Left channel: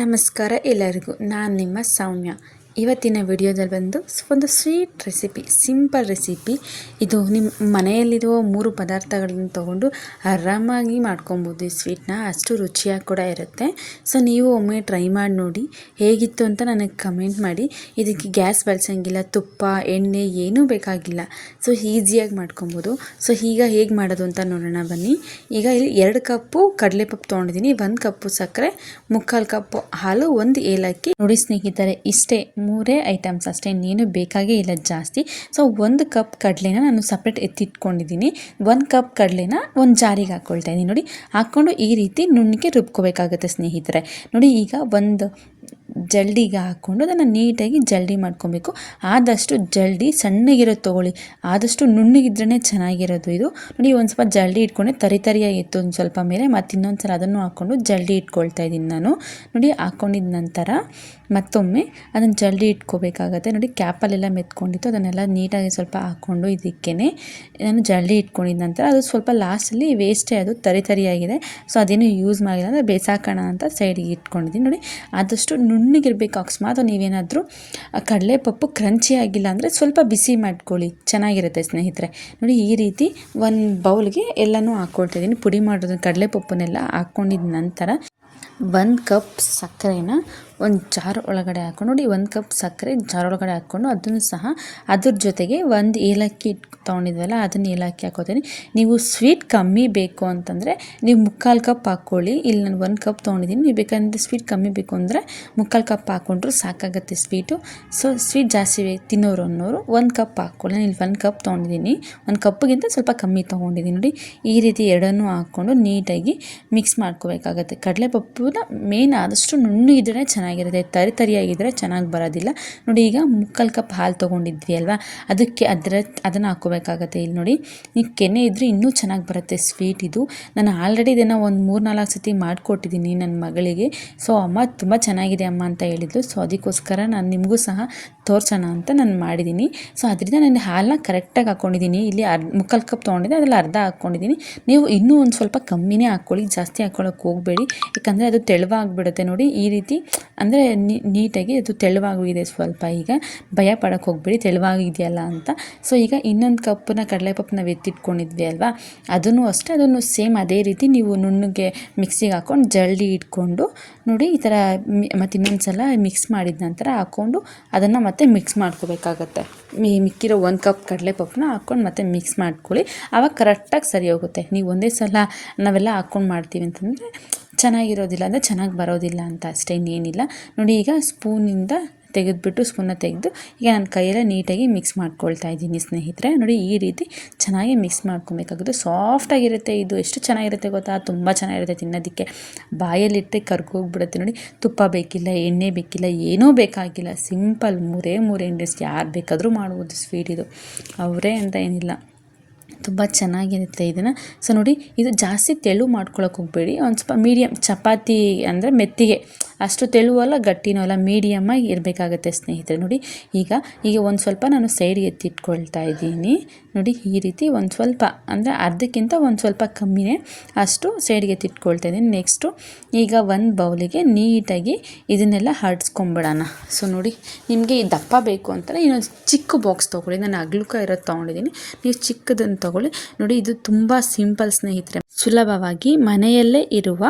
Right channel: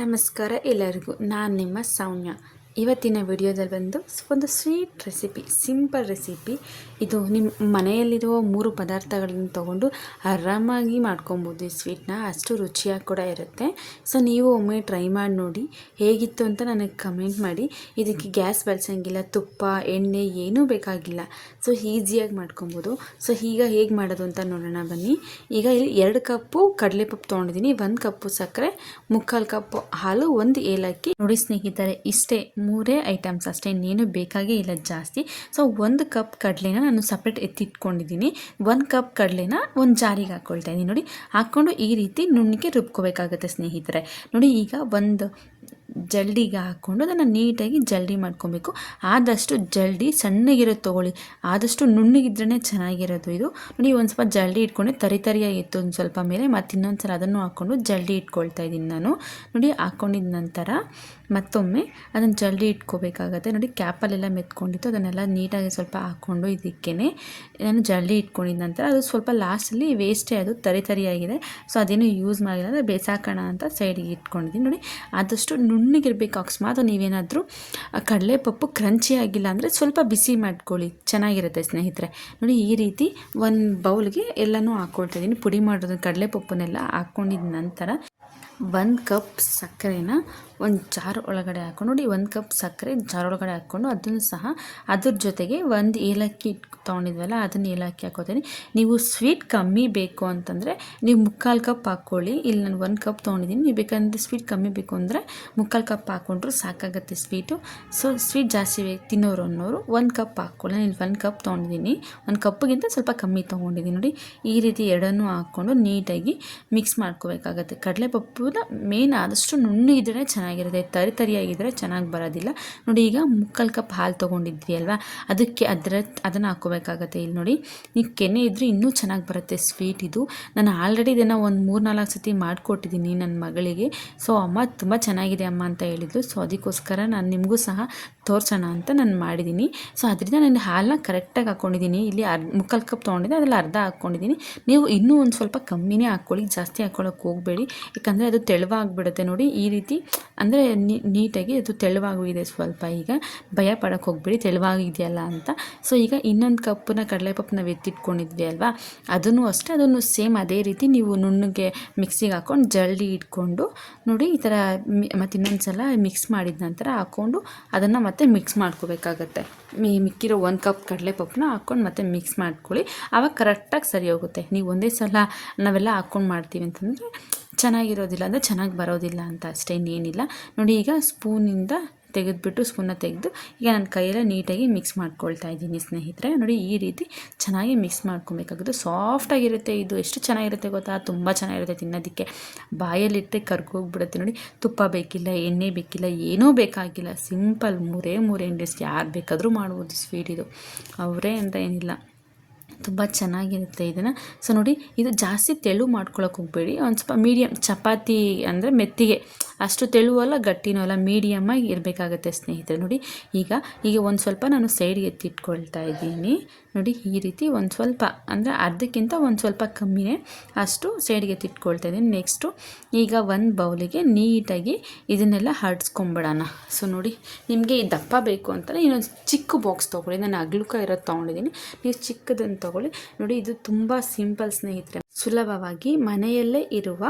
ನಮಸ್ಕಾರ ಎಲ್ಲರಿಗೂ, ನಾನು ನಿಮ್ಮ ಸೌಮ್ಯ. ಇವತ್ತಿನ ವಿಡಿಯೋದಲ್ಲಿ ಒಂದು ಸ್ವೀಟ್ ರೆಸಿಪಿ, ಸಿಂಪಲ್ ರೆಸಿಪಿ. ಇದು ನಿಮ್ಮ ಮನೆಯಲ್ಲಿರುವ 3 ಪದಾರ್ಥಗಳನ್ನು ತೊಗೊಂಡು ಆರಾಮಾಗಿ ಮಾಡ್ಕೊಬೋದು ಈ ಸ್ವೀಟ್ನ. ಅಷ್ಟು ರುಚಿಯಾಗಿ ಕೂಡ ಇರುತ್ತೆ. ಸೊ ನೀವು ಒಮ್ಮೆ ಟ್ರೈ ಮಾಡಿ ನೋಡಿ, ಹೇಗಿತ್ತು ಅಂತ ನನಗೆ ಕಮೆಂಟ್ ಮಾಡಿ. ಇದಕ್ಕೆ ಗ್ಯಾಸ್ ಬಳಸೋಂಗಿಲ್ಲ, ತುಪ್ಪ ಎಣ್ಣೆ ಏನೂ ಬೇಕಾಗಿಲ್ಲ. ಸೊ ಈಸಿಯಾಗಿ ಮಾಡ್ಕೊಬೋದು. ಸೊ ಈಗ ಹೇಗೆ ಮಾಡೋದು ಅಂತ ನೋಡೋಣ ಬನ್ನಿ. ಈಗ ಇಲ್ಲಿ 2 ಕಪ್ಪು ಕಡಲೆಪಪ್ಪು ತೊಗೊಂಡಿದ್ದೀನಿ, 1 ಕಪ್ಪು ಸಕ್ಕರೆ, 3/4 ಕಪ್ ಹಾಲು, 1 ಏಲಕ್ಕಿ. ನೋಡಿ ಸ್ನೇಹಿತರೆ, ಇಷ್ಟೇ 3 ಐಟಮ್ಸ್ ಅಷ್ಟೇ, ಇನ್ನೇನು ಬೇಕಾಗೇ ಇಲ್ಲ ಜಾಸ್ತಿ. ಸೊ 1 ಕಪ್ ಕಡಲೆನ ನಾನು ಸಪ್ರೇಟ್ ಎತ್ತಿಟ್ಕೊಂಡಿದ್ದೀನಿ. 1 ಕಪ್ ಕಡಲೆನ ಒಂದು ಜಾರಿಗೆ ಹಾಕ್ಕೊಳ್ತಾ ಇದ್ದೀನಿ. ನೋಡಿ, ಹಾಕ್ಕೊಂಡು ಈ ರೀತಿ ನುಣ್ಣಗೆ ರುಬ್ಕೋಬೇಕಾಗುತ್ತೆ ಸ್ನೇಹಿತರೆ. ನೋಡಿ, ಈಗ ಒಂದು ಜಲ್ಡಿಗೆ ಹಾಕ್ಕೊಂಡು ಅದನ್ನು ನೀಟಾಗಿ ಜಲ್ಡಿ ಮಾಡ್ಕೊಬೇಕು. ಆದಷ್ಟು ಜಲ್ಡಿ ಸಣ್ಣಗಿರೋದು ತೊಗೊಳ್ಳಿ, ಆದಷ್ಟು ನುಣ್ಣಗಿದ್ರೇ ಚೆನ್ನಾಗಿರೋದು ಇದು. ನೋಡಿ, ಒಂದು ಸ್ವಲ್ಪ ಜಲ್ಡಿ ಇಟ್ಕೊಂಡೆ ತರಿಯಾಗಿ ಇತ್ತು ಒಂದು ಸ್ವಲ್ಪ ಮೇಲೆ, ಮತ್ತು ಇನ್ನೊಂದು ಸಲ ಅದನ್ನು ಹಾಕ್ಕೊಂಡು ಜಲ್ಡಿ ಇಟ್ಕೊಳ್ತಾ ಇದ್ದೀನಿ ನಾನು. ನೋಡಿ, ಹಾಕ್ಕೊಂಡಿದ ನಂತರ ಮತ್ತೊಮ್ಮೆ ಅದನ್ನು ಜಲ್ಡಿ ಇಟ್ಕೋಬೇಕಾಗತ್ತೆ. ನೋಡಿ, ಕ್ಯಾಪಲ್ಲೆಲ್ಲ ಮೆತ್ಕೊಂಡಿತ್ತು, ಅದನ್ನೆಲ್ಲ ನೀಟಾಗಿ ಸ್ವಲ್ಪ ಹಾಕ್ಕೊಂಡು ಇದಕ್ಕೇ ನಾನು ಜಲ್ಡಿ ಇಟ್ಕೊಂಡಿದ್ದ ನಂತರ ಅದು ಸ್ವಲ್ಪ ಲಾಸ್ಟಲ್ಲಿ ವೇಸ್ಟೇ, ಅದು ತರಿಯಾಗಿದೆ. ಸೊ ಅದೇನು ಯೂಸ್ ಮಾಡಿಲ್ಲ ಅಂದರೆ ಬೇಸಾಕೋಣ ಅಂತ ಸೈಡಿಗೆ ಇಟ್ಕೊಂಡಿದ್ದೀನಿ. ನೋಡಿ, ಆದಷ್ಟು ನುಣ್ಣಗಿರಬೇಕು. ಅಕಸ್ಮಾತ್ ನೀವೇನಾದರೂ ಕಡಲೆಪಪ್ಪು ಕ್ರಂಚಿ ಆಗಿಲ್ಲ ಅಂದರೆ ಸ್ವಲ್ಪ ಬಿಸಿ ಮಾಡ್ಕೊಳ್ಳಿ, ಚೆನ್ನಾಗಿರುತ್ತೆ ಸ್ನೇಹಿತರೆ. ನೋಡಿ, ಈ ರೀತಿ ಒಂದು ಬೌಲ್ಗೆ ಎಲ್ಲನೂ ಹಾಕ್ಕೊಳ್ತಾಯಿದ್ದೀನಿ. ಪುಡಿ ಮಾಡೋದು ಕಡಲೆಪಪ್ಪನ್ನೆಲ್ಲ ಹಾಕ್ಕೊಂಡಿದ್ದ ನಂತರ 1 ಕಪ್ ಸಕ್ಕರೆನ ಒಂದು ಜಾರ್ ಒಳಗಡೆ ಹಾಕ್ಕೊಂಡು, ನೋಡಿ 1 ಕಪ್ ಸಕ್ಕರೆ ಜಾರ್ ಒಳಗಡೆ ಹಾಕ್ಕೊಂಡು ಅದನ್ನು ಸಹ ಅದ್ರ ಜೊತೆಗೆ 1 ಏಲಕ್ಕಿ ತೊಗೊಂಡಿದ್ವಲ್ಲ ಅದನ್ನು ಏಲಕ್ಕಿ ಹಾಕೋತೀನಿ. ನೀವು ಸ್ವೀಟ್ ಕಮ್ಮಿ ಬೇಕು ಅಂತಂದರೆ ನೀವು 3/4 ಕಪ್ ಹಾಕ್ಕೊಳ್ಳಿ. ಇಲ್ಲಿ ನಾನು 1 ಕಪ್ ತೊಗೊಂಡಿದ್ದೀನಿ. ನೀವು ಬೇಕಂದರೆ ಸ್ವೀಟ್ ಕಮ್ಮಿ ಬೇಕು ಅಂದರೆ 3/4 ಕಪ್ ಹಾಕ್ಕೊಂಡ್ರು ಸಾಕಾಗುತ್ತೆ ಸ್ವೀಟು. ಸೊ ಸ್ವೀಟ್ ಜಾಸ್ತಿ ತಿನ್ನೋರು ಅನ್ನೋರು 1 ಕಪ್ ಹಾಕ್ಕೊಳ್ಳಿ. ನಾನು ಇಲ್ಲಿ 1 ಕಪ್ ತೊಗೊಂಡಿದ್ದೀನಿ, 1 ಕಪ್ಗಿಂತ ಸ್ವಲ್ಪ ಕಮ್ಮಿ ತೊಗೊಂಡಿದ್ದೀನಿ. ನೋಡಿ, ಈ ರೀತಿ ಎರಡನ್ನೂ ಹಾಕ್ಕೊಂಡು ನೀಟಾಗಿ ಮಿಕ್ಸ್ ಮಾಡ್ಕೋಬೇಕಾಗತ್ತೆ. ಕಡಲೆಪಪ್ಪುನ ಮೇನ್ ಆದಷ್ಟು ನುಣ್ಣಗಿದ್ರೆ ಚೆನ್ನಾಗಿರುತ್ತೆ, ತರಿಯಾಗಿದ್ದರೆ ಚೆನ್ನಾಗಿ ಬರೋದಿಲ್ಲ. ನೋಡಿ, ಈಗ 3/4 ಕಪ್ ಹಾಲು ತೊಗೊಂಡಿದ್ವಿ ಅಲ್ವಾ, ಅದಕ್ಕೆ ಅದನ್ನು ಹಾಕ್ಕೋಬೇಕಾಗತ್ತೆ. ಇಲ್ಲಿ ನೋಡಿ, ನೀವು ಕೆನೆ ಇದ್ದರೆ ಇನ್ನೂ ಚೆನ್ನಾಗಿ ಬರುತ್ತೆ ಸ್ವೀಟ್ ಇದು. ನಾನು ಆಲ್ರೆಡಿ ಇದನ್ನು ಒಂದು 3-4 ಸತಿ ಮಾಡಿಕೊಟ್ಟಿದ್ದೀನಿ ನನ್ನ ಮಗಳಿಗೆ. ಸೊ ಅಮ್ಮ ತುಂಬ ಚೆನ್ನಾಗಿದೆ ಅಮ್ಮ ಅಂತ ಹೇಳಿದ್ಲು. ಸೊ ಅದಕ್ಕೋಸ್ಕರ ನಾನು ನಿಮಗೂ ಸಹ ತೋರಿಸೋಣ ಅಂತ ನಾನು ಮಾಡಿದ್ದೀನಿ. ಸೊ ಅದರಿಂದ ನಾನು ಹಾಲನ್ನ ಕರೆಕ್ಟಾಗಿ ಹಾಕ್ಕೊಂಡಿದ್ದೀನಿ. ಇಲ್ಲಿ 3/4 ಕಪ್ ತೊಗೊಂಡಿದ್ದೆ, ಅದರಲ್ಲಿ ಅರ್ಧ ಹಾಕ್ಕೊಂಡಿದ್ದೀನಿ. ನೀವು ಇನ್ನೂ ಒಂದು ಸ್ವಲ್ಪ ಕಮ್ಮಿನೇ ಹಾಕ್ಕೊಳ್ಳಿ, ಜಾಸ್ತಿ ಹಾಕ್ಕೊಳ್ಳೋಕೆ ಹೋಗಬೇಡಿ, ಯಾಕಂದರೆ ಅದು ತೆಳುವಾಗಿಬಿಡುತ್ತೆ. ನೋಡಿ, ಈ ರೀತಿ ಅಂದರೆ ನೀಟಾಗಿ ಅದು ತೆಳುವಾಗಿದೆ ಸ್ವಲ್ಪ. ಈಗ ಭಯ ಪಡೋಕ್ಕೆ ಹೋಗಬೇಡಿ ತೆಳುವಾಗಿದೆಯಲ್ಲ ಅಂತ. ಸೊ ಈಗ ಇನ್ನೊಂದು ಕಪ್ಪನ್ನ ಕಡಲೆಪಪ್ಪು ನಾವು ಎತ್ತಿಟ್ಕೊಂಡಿದ್ವಿ ಅಲ್ವಾ, ಅದನ್ನು ಅಷ್ಟೇ, ಅದನ್ನು ಸೇಮ್ ಅದೇ ರೀತಿ ನೀವು ನುಣ್ಣಗೆ ಮಿಕ್ಸಿಗೆ ಹಾಕ್ಕೊಂಡು ಜಲ್ಡಿ ಇಟ್ಕೊಂಡು ನೋಡಿ ಈ ಥರ ಮತ್ತು ಇನ್ನೊಂದು ಸಲ ಮಿಕ್ಸ್ ಮಾಡಿದ ನಂತರ ಹಾಕ್ಕೊಂಡು ಅದನ್ನು ಮತ್ತೆ ಮಿಕ್ಸ್ ಮಾಡ್ಕೋಬೇಕಾಗತ್ತೆ. ಮಿಕ್ಕಿರೋ 1 ಕಪ್ ಕಡಲೆಪಪ್ಪನ್ನ ಹಾಕ್ಕೊಂಡು ಮತ್ತೆ ಮಿಕ್ಸ್ ಮಾಡ್ಕೊಳ್ಳಿ, ಆವಾಗ ಕರೆಕ್ಟಾಗಿ ಸರಿ ಹೋಗುತ್ತೆ. ನೀವು ಒಂದೇ ಸಲ ನಾವೆಲ್ಲ ಹಾಕ್ಕೊಂಡು ಮಾಡ್ತೀವಿ ಅಂತಂದರೆ ಚೆನ್ನಾಗಿರೋದಿಲ್ಲ, ಅಂದರೆ ಚೆನ್ನಾಗಿ ಬರೋದಿಲ್ಲ ಅಂತ ಅಷ್ಟೇ, ಇನ್ನೇನಿಲ್ಲ. ನೋಡಿ, ಈಗ ಸ್ಪೂನಿಂದ ಸ್ಪೂನ್ನ ತೆಗೆದು ಈಗ ನಾನು ಕೈಯಲ್ಲೇ ನೀಟಾಗಿ ಮಿಕ್ಸ್ ಮಾಡ್ಕೊಳ್ತಾ ಇದ್ದೀನಿ ಸ್ನೇಹಿತರೆ. ನೋಡಿ, ಈ ರೀತಿ ಚೆನ್ನಾಗಿ ಮಿಕ್ಸ್ ಮಾಡ್ಕೊಬೇಕಾಗುತ್ತೆ. ಸಾಫ್ಟಾಗಿರುತ್ತೆ ಇದು, ಎಷ್ಟು ಚೆನ್ನಾಗಿರುತ್ತೆ ಗೊತ್ತಾ, ತುಂಬ ಚೆನ್ನಾಗಿರುತ್ತೆ ತಿನ್ನೋದಕ್ಕೆ. ಬಾಯಲ್ಲಿಟ್ಟರೆ ಕರ್ಗೋಗ್ಬಿಡುತ್ತೆ. ನೋಡಿ, ತುಪ್ಪ ಬೇಕಿಲ್ಲ, ಎಣ್ಣೆ ಬೇಕಿಲ್ಲ, ಏನೂ ಬೇಕಾಗಿಲ್ಲ, ಸಿಂಪಲ್ 3 ಇಂಗ್ರೀಡಿಯೆಂಟ್ಸ್, ಯಾರು ಬೇಕಾದರೂ ಮಾಡ್ಬೋದು ಸ್ವೀಟ್ ಇದು, ಅವರೇ ಅಂತ ಏನಿಲ್ಲ, ತುಂಬ ಚೆನ್ನಾಗಿರುತ್ತೆ ಇದನ್ನು. ಸೊ ನೋಡಿ, ಇದು ಜಾಸ್ತಿ ತೆಳು ಮಾಡ್ಕೊಳಕ್ಕೆ ಹೋಗಬೇಡಿ, ಒಂದು ಸ್ವಲ್ಪ ಮೀಡಿಯಮ್, ಚಪಾತಿ ಅಂದರೆ ಮೆತ್ತಿಗೆ, ಅಷ್ಟು ತೆಳುವಲ್ಲ ಗಟ್ಟಿನೂ ಅಲ್ಲ, ಮೀಡಿಯಮ್ಮಾಗಿ ಇರಬೇಕಾಗತ್ತೆ ಸ್ನೇಹಿತರೆ. ನೋಡಿ, ಈಗ ಒಂದು ಸ್ವಲ್ಪ ನಾನು ಸೈಡ್ಗೆ ಎತ್ತಿಟ್ಕೊಳ್ತಾ ಇದ್ದೀನಿ. ನೋಡಿ, ಈ ರೀತಿ ಒಂದು ಸ್ವಲ್ಪ ಅಂದರೆ ಅರ್ಧಕ್ಕಿಂತ ಒಂದು ಸ್ವಲ್ಪ ಕಮ್ಮಿನೇ, ಅಷ್ಟು ಸೈಡ್ಗೆ ಎತ್ತಿಟ್ಕೊಳ್ತಾ ಇದ್ದೀನಿ. ನೆಕ್ಸ್ಟು ಈಗ ಒಂದು ಬೌಲಿಗೆ ನೀಟಾಗಿ ಇದನ್ನೆಲ್ಲ ಹರಡ್ಸ್ಕೊಂಬಿಡೋಣ. ಸೊ ನೋಡಿ, ನಿಮಗೆ ಈ ದಪ್ಪ ಬೇಕು ಅಂತಾರೆ ಇನ್ನೊಂದು ಚಿಕ್ಕ ಬಾಕ್ಸ್ ತೊಗೊಳ್ಳಿ. ನಾನು ಅಗ್ಲುಕ ಇರೋದು ತೊಗೊಂಡಿದ್ದೀನಿ, ನೀವು ಚಿಕ್ಕದನ್ನು ತೊಗೊಳ್ಳಿ. ನೋಡಿ, ಇದು ತುಂಬ ಸಿಂಪಲ್ ಸ್ನೇಹಿತರೆ, ಸುಲಭವಾಗಿ ಮನೆಯಲ್ಲೇ ಇರುವ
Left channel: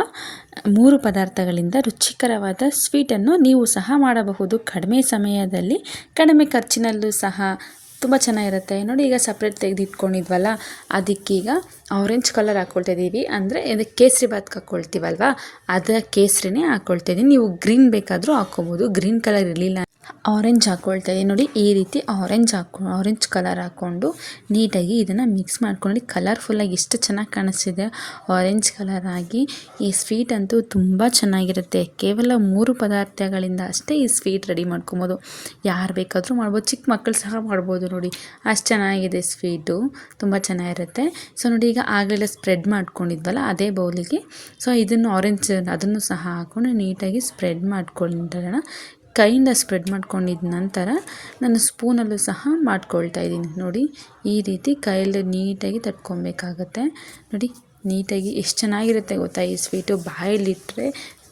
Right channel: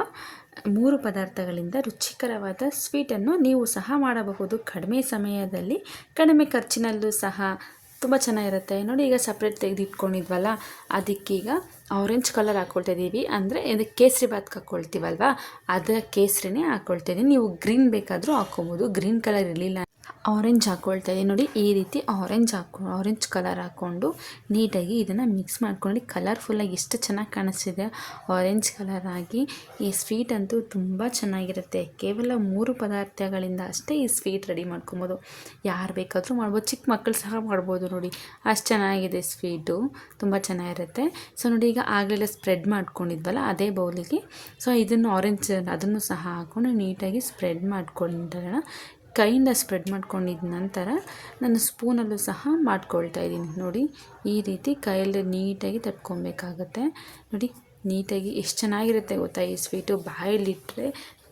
3 ಪದಾರ್ಥಗಳಿಂದ ರುಚಿಕರವಾದ ಸ್ವೀಟನ್ನು ನೀವು ಸಹ ಮಾಡಬಹುದು. ಕಡಿಮೆ ಸಮಯದಲ್ಲಿ, ಕಡಿಮೆ ಖರ್ಚಿನಲ್ಲೂ ಸಹ ತುಂಬ ಚೆನ್ನಾಗಿರುತ್ತೆ. ನೋಡಿ, ಈಗ ಸಪ್ರೇಟ್ ತೆಗೆದಿಟ್ಕೊಂಡಿದ್ವಲ್ಲ, ಅದಕ್ಕೀಗ ಆರೆಂಜ್ ಕಲರ್ ಹಾಕ್ಕೊಳ್ತಾ ಇದ್ದೀವಿ, ಅಂದರೆ ಇದಕ್ಕೆ ಕೇಸರಿ ಬಾತ್ಗೆ ಹಾಕ್ಕೊಳ್ತೀವಲ್ವ, ಅದರ ಕೇಸರಿನೇ ಹಾಕ್ಕೊಳ್ತಾ ಇದ್ದೀನಿ. ನೀವು ಗ್ರೀನ್ ಬೇಕಾದರೂ ಹಾಕ್ಕೊಬೋದು, ಗ್ರೀನ್ ಕಲರ್ ಇರಲಿಲ್ಲ ಆರೆಂಜ್ ಹಾಕ್ಕೊಳ್ತಾ ಇದ್ದೀನಿ. ನೋಡಿ, ಈ ರೀತಿ ಆರೆಂಜ್ ಕಲರ್ ಹಾಕ್ಕೊಂಡು ನೀಟಾಗಿ ಇದನ್ನು ಮಿಕ್ಸ್ ಮಾಡ್ಕೊಂಡು, ಕಲರ್ಫುಲ್ಲಾಗಿ ಎಷ್ಟು ಚೆನ್ನಾಗಿ ಕಾಣಿಸ್ತಿದೆ ಆರೆಂಜ್ ಕಲರ್ ಆಗಿ. ಈ ಸ್ವೀಟ್ ಅಂತೂ ತುಂಬ ಚೆನ್ನಾಗಿರುತ್ತೆ. ಕೇವಲ 3 ಪದಾರ್ಥಗಳಿಂದ ಅಷ್ಟೇ ಈ ಸ್ವೀಟ್ ರೆಡಿ ಮಾಡ್ಕೊಬೋದು, ಯಾರು ಬೇಕಾದರೂ ಮಾಡ್ಬೋದು, ಚಿಕ್ಕ ಮಕ್ಕಳು ಸಹ ಮಾಡ್ಬೋದು. ನೋಡಿ, ಅಷ್ಟು ಚೆನ್ನಾಗಿದೆ ಸ್ವೀಟು, ತುಂಬ ಚೆನ್ನಾಗಿರುತ್ತೆ. ಸೊ ನೋಡಿ, ಈಗ ಆಗಲೆಲ್ಲ ಸ್ಪ್ರೆಡ್ ಮಾಡ್ಕೊಂಡಿದ್ವಲ್ಲ ಅದೇ ಬೌಲಿಗೆ, ಸೊ ಇದನ್ನು ಆರೆಂಜ್ ಅದನ್ನು ಸಹ ಹಾಕ್ಕೊಂಡು ನೀಟಾಗಿ ಸ್ಪ್ರೆಡ್ ಮಾಡ್ಕೊಂಡಿರೋಣ. ಕೈಯಿಂದ ಸ್ಪ್ರೆಡ್ ಮಾಡ್ಕೊಂಡಿದ್ದ ನಂತರ ನಾನು ಸ್ಪೂನಲ್ಲೂ ಸಹ ಮಾಡ್ಕೊಳ್ತಾ ಇದ್ದೀನಿ. ನೋಡಿ, ಈ ರೀತಿ ಕೈಯಲ್ಲಿ ನೀಟಾಗಿ ತಟ್ಕೊಬೇಕಾಗತ್ತೆ. ನೋಡಿ, ನೀಟಾಗಿ ಎಷ್ಟು ಚೆನ್ನಾಗಿರುತ್ತೆ ಗೊತ್ತಾ ಈ ಸ್ವೀಟು, ಬಾಯಲ್ಲಿಟ್ಟರೆ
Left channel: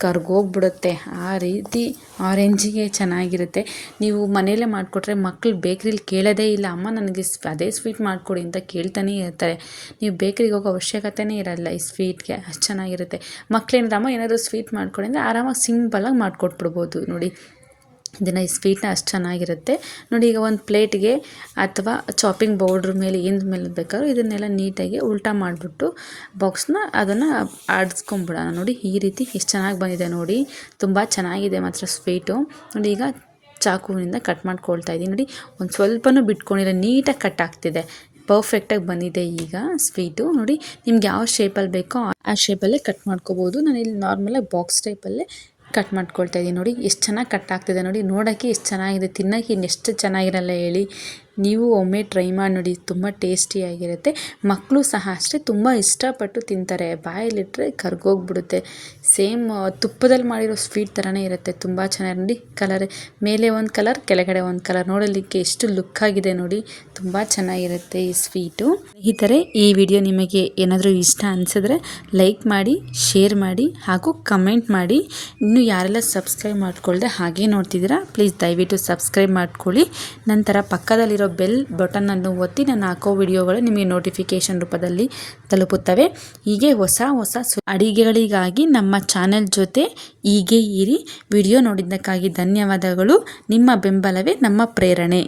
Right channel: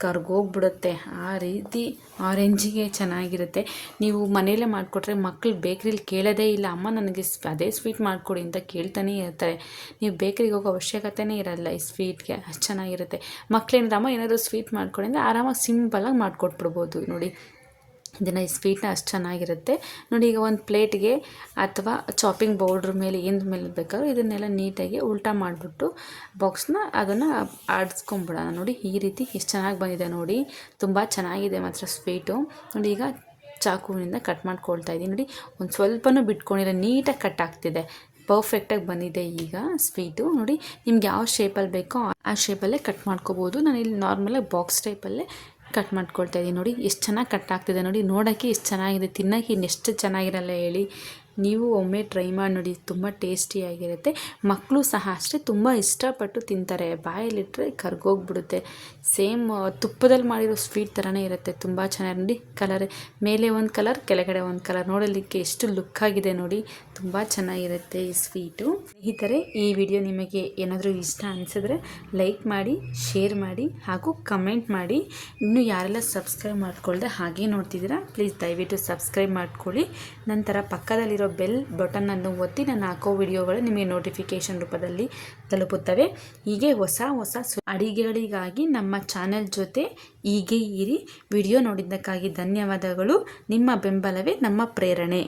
ಕರ್ಗೋಗ್ಬಿಡುತ್ತೆ. ಆ ರೀತಿ ಆರೆಂಜಿಗೆ ಚೆನ್ನಾಗಿರುತ್ತೆ. ನೀವು ಮನೆಯಲ್ಲೇ ಮಾಡಿಕೊಟ್ರೆ ಮಕ್ಕಳು ಬೇಕ್ರಿಲಿ ಕೇಳೋದೇ ಇಲ್ಲ, ಅಮ್ಮ ನನಗೆ ಅದೇ ಸ್ವೀಟ್ ಮಾಡಿಕೊಡಿ ಅಂತ ಕೇಳ್ತಾನೆ ಇರ್ತಾರೆ. ನೀವು ಬೇಕ್ರಿಗೆ ಹೋಗೋ ಅವಶ್ಯಕತೆನೇ ಇರಲ್ಲ ಈ ಸ್ವೀಟ್ಗೆ, ಅಷ್ಟು ಚೆನ್ನಾಗಿರುತ್ತೆ. ಮಕ್ಕಳೇನಾದ್ರು ಅಮ್ಮ ಏನಾದರೂ ಸ್ವೀಟ್ ಮಾಡ್ಕೊಡಿ ಅಂದರೆ ಆರಾಮಾಗಿ ಸಿಂಪಲಾಗಿ ಮಾಡಿಕೊಟ್ಬಿಡ್ಬೋದು ನೋಡಿ. ಇದನ್ನು ಈ ಸ್ವೀಟ್ನ ಅಷ್ಟು ಚೆನ್ನಾಗಿರುತ್ತೆ ನೋಡಿ. ಈಗ ಒಂದು ಪ್ಲೇಟ್ಗೆ ಅಥವಾ ಚಾಪಿಂಗ್ ಬೋರ್ಡ್ರ ಮೇಲೆ ಏನು ಮೇಲೆ ಬೇಕಾದ್ರೂ ಇದನ್ನೆಲ್ಲ ನೀಟಾಗಿ ಉಲ್ಟಾ ಮಾಡಿಬಿಟ್ಟು ಬಾಕ್ಸ್ನ ಅದನ್ನು ಆಡಿಸ್ಕೊಂಬಿಡೋಣ ನೋಡಿ. ಈ ರೀತಿ ಎಷ್ಟು ಚೆನ್ನಾಗಿ ಬಂದಿದೆ ನೋಡಿ, ತುಂಬ ಚೆನ್ನಾಗಿದೆ ಮಾತ್ರ ಸ್ವೀಟು ನೋಡಿ. ಈಗ ಚಾಕುವಿನಿಂದ ಕಟ್ ಮಾಡ್ಕೊಳ್ತಾ ಇದ್ದೀನಿ ನೋಡಿ, ಒಂದು ಸ್ವಲ್ಪನೂ ಬಿಟ್ಕೊಂಡಿಲ್ಲ, ನೀಟಾಗಿ ಕಟ್ ಆಗ್ತಿದೆ, ಪರ್ಫೆಕ್ಟಾಗಿ ಬಂದಿದೆ ಈಗ ಸ್ವೀಟು ನೋಡಿ. ನಿಮ್ಗೆ ಯಾವ ಶೇಪಲ್ಲಿ ಬೇಕೋ ಆ ಶೇಪಲ್ಲೇ ಕಟ್ ಮಾಡ್ಕೋಬೋದು. ನಾನು ಇಲ್ಲಿ ನಾರ್ಮಲಾಗಿ ಬಾಕ್ಸ್ ಟೈಪಲ್ಲೇ ಕಟ್ ಮಾಡ್ಕೊಳ್ತಾ ಇದ್ದೀನಿ ನೋಡಿ. ಎಷ್ಟು ಚೆನ್ನಾಗಿ ಕಟ್ ಆಗ್ತಿದೆ ನೋಡಿ, ನೋಡೋಕ್ಕೆ ಎಷ್ಟು ಚೆನ್ನಾಗಿದೆ, ತಿನ್ನೋಕ್ಕೆ ಇನ್ನೆಷ್ಟು ಚೆನ್ನಾಗಿರಲ್ಲ ಹೇಳಿ. ನೀವು ಒಮ್ಮೆ ಟ್ರೈ ಮಾಡಿ ನೋಡಿ, ತುಂಬ ಟೇಸ್ಟಿಯಾಗಿರುತ್ತೆ. ಮಕ್ಕಳು ಸಹ ಅಷ್ಟೇ ತುಂಬ ಇಷ್ಟಪಟ್ಟು ತಿಂತಾರೆ, ಬಾಯಲ್ಲಿಟ್ಟರೆ ಕರ್ಗೋಗ್ಬಿಡುತ್ತೆ. ಸೇಮ್ ತುಪ್ಪದಲ್ಲಿ ಮಾಡಿರೋ ಸ್ವೀಟ್ ಥರನೇ ಇರುತ್ತೆ, ತುಂಬ ಚೆನ್ನಾಗಿ ನೋಡಿ. ಕಲರ್ ಮೇಲೆ ಒಂದು ಕಲರ್ ಕೆಳಗಡೆ ಒಂದು ಕಲರ್, ನೋಡಲಿಕ್ಕೆ ಎಷ್ಟು ಲುಕ್ ಆಗಿದೆ ನೋಡಿ, ತುಂಬ ಚೆನ್ನಾಗಿರುತ್ತೆ ಈ ಸ್ವೀಟು. ಈ ಥರ ಈ ವಿಡಿಯೋ ನಿಮಗೆ ಏನಾದರೂ ಇಷ್ಟ ಅನಿಸಿದ್ರೆ ಲೈಕ್ ಮಾಡಿ, ಶೇರ್ ಮಾಡಿ ಹಾಗೂ ಕಮೆಂಟ್ ಮಾಡಿ. ಇನ್ನೂ ಯಾರೆಲ್ಲ ಸಬ್ಸ್ಕ್ರೈಬ್ ಮಾಡ್ಕೊಳ್ದೆ ಹಾಗೆ ನೋಡ್ತಿದ್ದೀರಾ, ಪ್ಲೀಸ್ ದಯವಿಟ್ಟು ಸಬ್ಸ್ಕ್ರೈಬ್ ಮಾಡ್ಕೊಳ್ಳಿ. ನಂತರ ಪಕ್ಕದಲ್ಲಿರೋ ಬೆಲ್ ಬಟನನ್ನು ಒತ್ತಿ ನಾನು ಹಾಕೋ ವಿಡಿಯೋಗಳು ನಿಮಗೆ ನೋಟಿಫಿಕೇಷನ್ ರೂಪದಲ್ಲಿ ತಲುಪುತ್ತವೆ. ಹೀಗೆ ಹೊಸ ಅಡಿಗೆಗಳಿಗಾಗಿ ನಮ್ಮ ಚಾನೆಲ್ ಜೊತೆ ಹೀಗೆ ಇರಿ. ವಿಡಿಯೋ ನೋಡಿದ್ದಕ್ಕಾಗಿ ಧನ್ಯವಾದಗಳು. ನಿಮ್ಮ ಬೆಂಬಲವೇ ನಮ್ಮ ಪ್ರೇರಣೆ.